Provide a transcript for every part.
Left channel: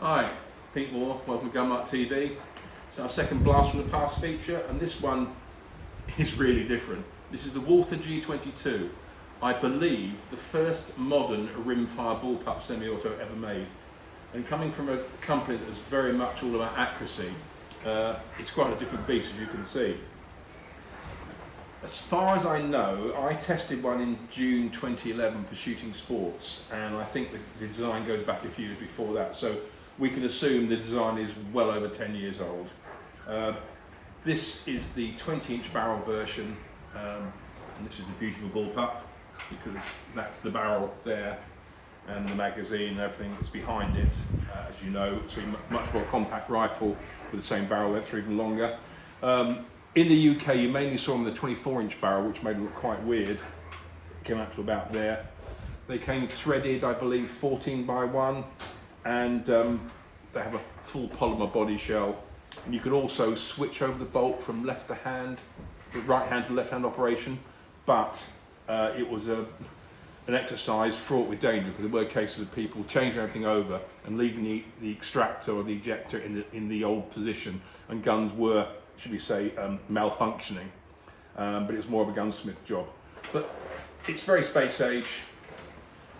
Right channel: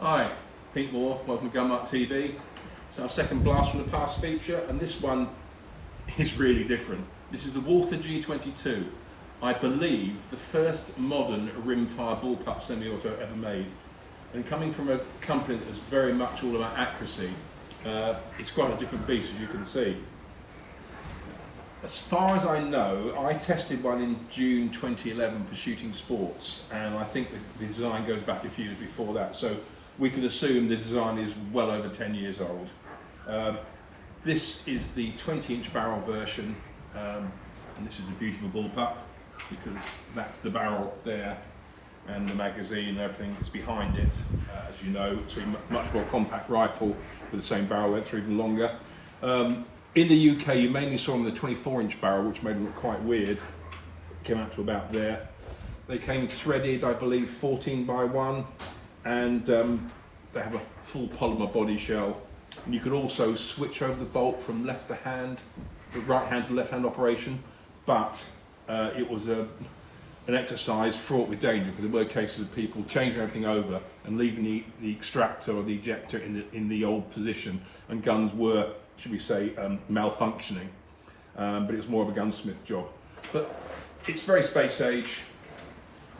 Hi, Pete Moore, welcome to Gunmark TV. It's our second blast from the past feature, and this one is really different. This is the Walther G22, I believe the first modern rimfire bullpup semi-auto ever made. And coming from a company that is very much all about accuracy, it's quite a different beast, as you can see. As far as I know, I tested one in June 2011 for shooting sports, and I think the design goes back a few years before that, so we can assume the design is well over 10 years old. This is the 20-inch barrel version, and this is the beautiful Bullpup, because that's the barrel there, and the magazine and everything is behind it, as you know. So a much more compact rifle with the same barrel length, or even longer. In the UK, you mainly saw them the 24-inch barrel, which made them look quite weird. It came out to about there. They came threaded, I believe, 14x1, and they have a full polymer body shell. And you could also switch over the bolt from left to hand, the right hand to left hand operation, but it was an exercise fraught with danger, because there were cases of people changing everything over and leaving the extractor or the ejector in the old position, and guns were, should we say, malfunctioning, but it was more of a gunsmith job. But it's very space age.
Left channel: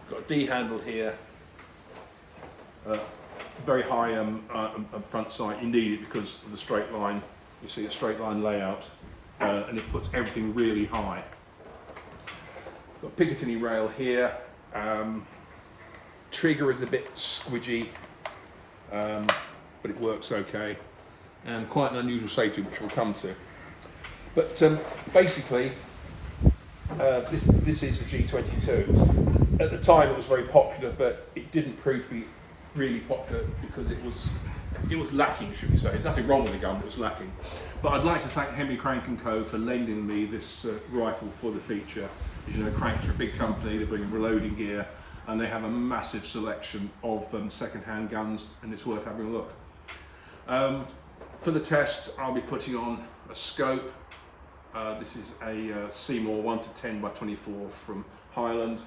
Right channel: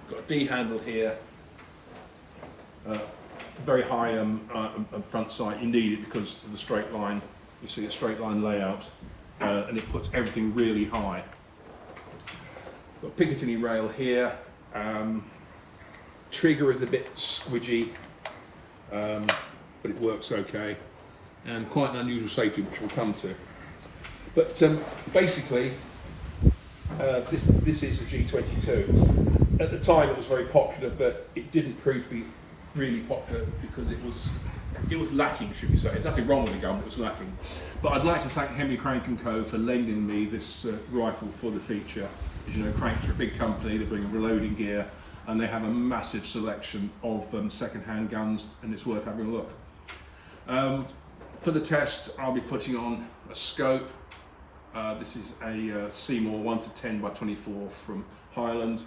Got a D handle here, very high front sight. You need it because of the straight line. You see a straight line layout, and it puts everything really high. Got a Picatinny rail here. Trigger is a bit squidgy, but it works okay. And quite an unusual safety, which we'll come to. But basically, this is the G22. At the time, it was very popular, but it didn't prove to be really popular because it was lacking, should we say. There's nothing wrong with the gun, but it was lacking. But I'd like to thank Henry Crank & Co for lending me this rifle for the feature. As you know, Cranks are a big company. They bring reloading gear, and they have a massive selection of second-hand guns, and it's worth having a look. For the test, I'll be putting on a scope. This is a Seymour 1:10x24 from Highland.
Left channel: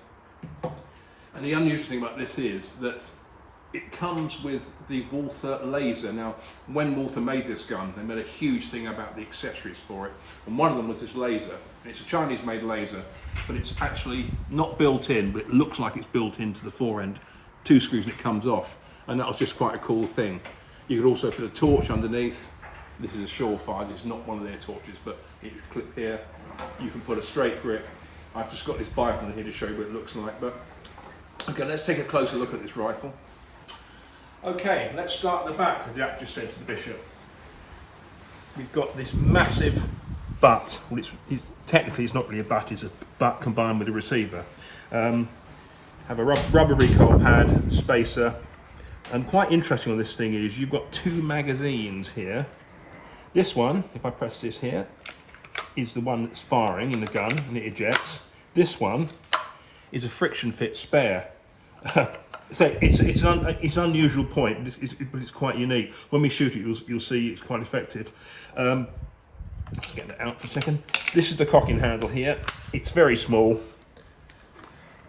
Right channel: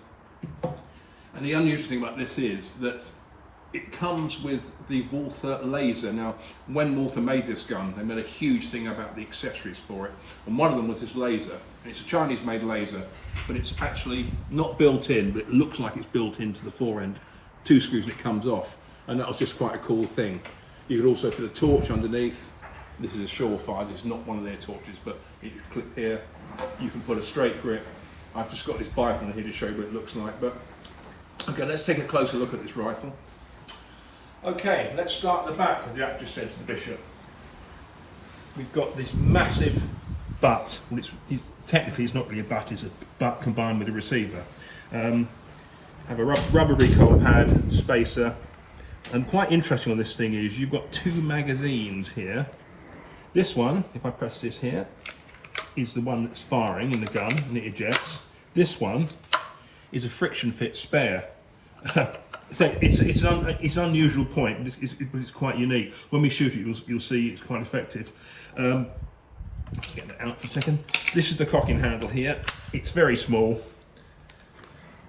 And the unusual thing about this is that it comes with the Walther laser. Now, when Walther made this gun, they made a huge thing about the accessories for it. And one of them was this laser. And it's a Chinese-made laser, but it's actually not built in, but it looks like it's built into the fore end. 2 screws and it comes off. And that was just quite a cool thing. You could also fit a torch underneath. This is a Surefire, it's not one of their torches, but you clip here. You can put a straight grip. I've just got this Bible here to show you what it looks like. But okay, let's take a closer look at this rifle. Okay, let's start at the back, as Jack just said to the bishop. We've got this massive butt. Well, technically it's not really a butt, it's a butt combined with a receiver. Have a rubber recoil pad, spacer. And quite interesting on this thing is you've got 2 magazines here. This one, if I press this here, is the one that's firing in the gun and it ejects. This one is a friction fit spare. So it's an unusual point, but it's quite unique. When we shoot it, you'll see it's quite effective. Let's get that out for a second. This is the cocking handle here. It's very small,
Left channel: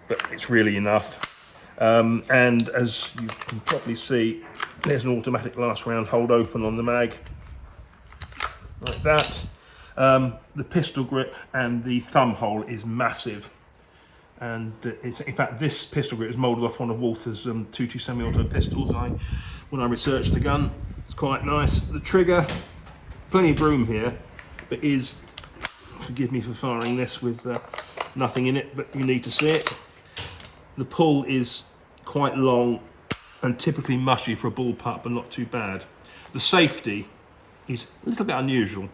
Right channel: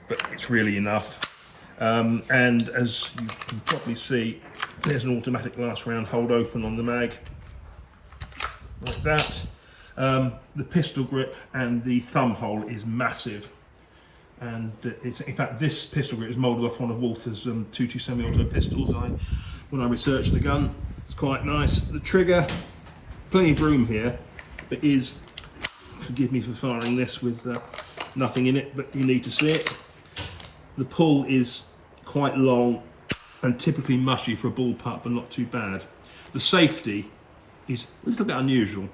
but it's really enough. And as you can probably see, there's an automatic last round hold open on the mag, like that. The pistol grip and the thumb hole is massive, and it's, in fact, this pistol grip is moulded off one of Walther's 22 semi-auto pistols. When I researched the gun, it's quite nice. The trigger, plenty of room here, but is, forgive me for firing this with nothing in it, but you need to see it. The pull is quite long and typically mushy for a bullpup, but not too bad. The safety is a little bit unusual.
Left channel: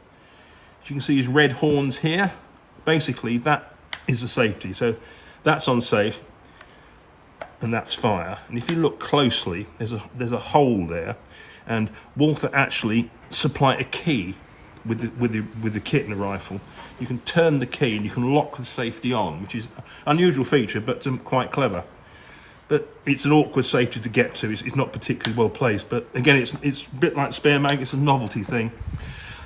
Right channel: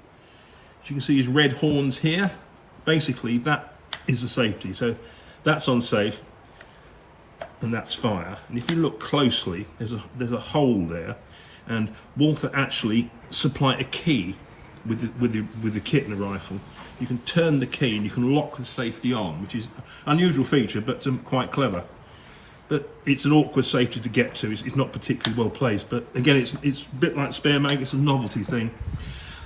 As you can see, these red horns here, basically that is the safety. So that's on safe and that's fire. And if you look closely, there's a hole there, and Walther actually supply a key with the kit in the rifle. You can turn the key and you can lock the safety on, which is an unusual feature, but quite clever. But it's an awkward safety to get to. It's not particularly well placed, but again, it's a bit like spare mag. It's a novelty thing.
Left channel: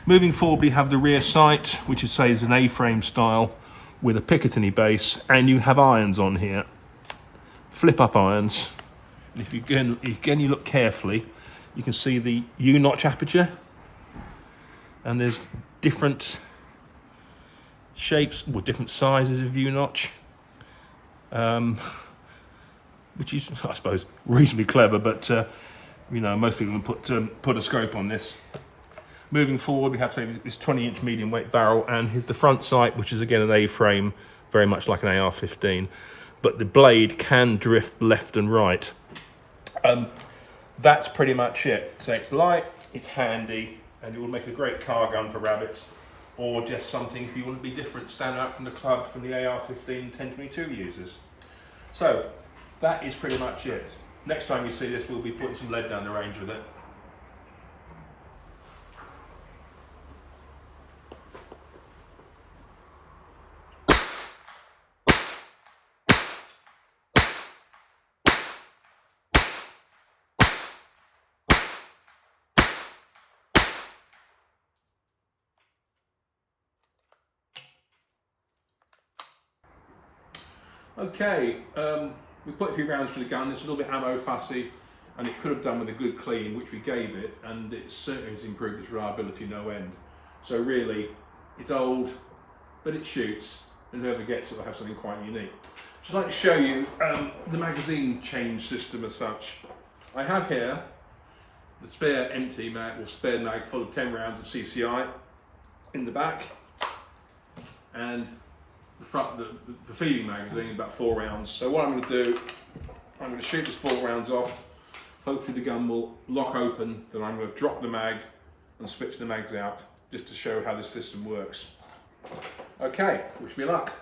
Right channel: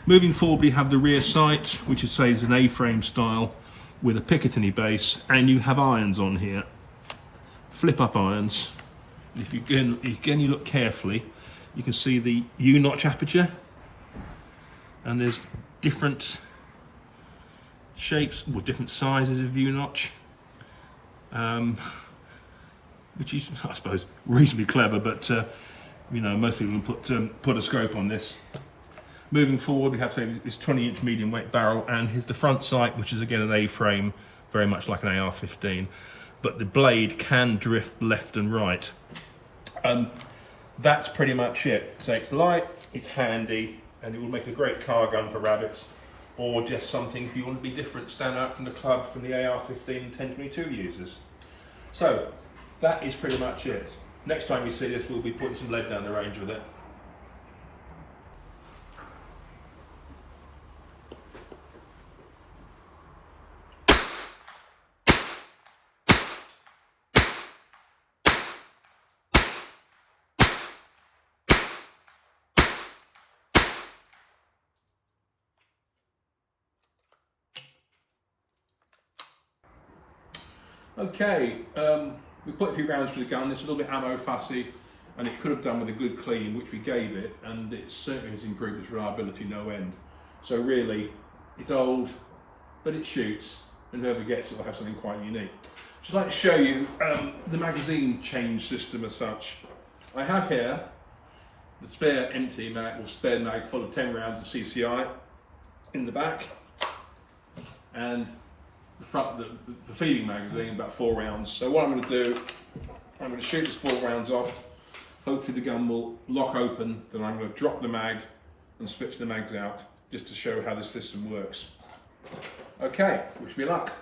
Moving forward, we have the rear sight, which is an A-frame style with a Picatinny base, and you have irons on here, flip-up irons. If you again you look carefully, You can see the U-notch aperture, and there's different shapes, or different sizes of U-notch, which is, I suppose, reasonably clever, but you know, most people would put a scope on this. Moving forward, we have this 20-inch medium weight barrel, and here's the front sight, which is again an A-frame, very much like an AR-15, but the blade can drift left and right. That's pretty much it. So it's light, it's handy, and it will make a great car gun for rabbits, or just something if you want to be different, stand out from the club from the AR-15 and 1022 users. So that is pretty much it. Next time you see this, we'll be putting some lead down the range with it. Okay, we put a few rounds through the gun. It's a little bit ammo fussy, and it could have done with a good clean, which we gave it, and it certainly has improved its reliability no end. So really, it's old, but it shoots, and whoever gets it will have something quite unique. I'd like to show you the magazine change system as such. I have here the spare empty mag, or spare mag full of 10 rounds of CCI in the back, and the front, the feeding magazine, about 4 rounds. So what I'm going to do, I'm going to shoot this 4 rounds off. Hopefully the gun will lock open. Then I'm going to drop the mag and switch the mags out, just to show how the system works. Okay, wish me luck.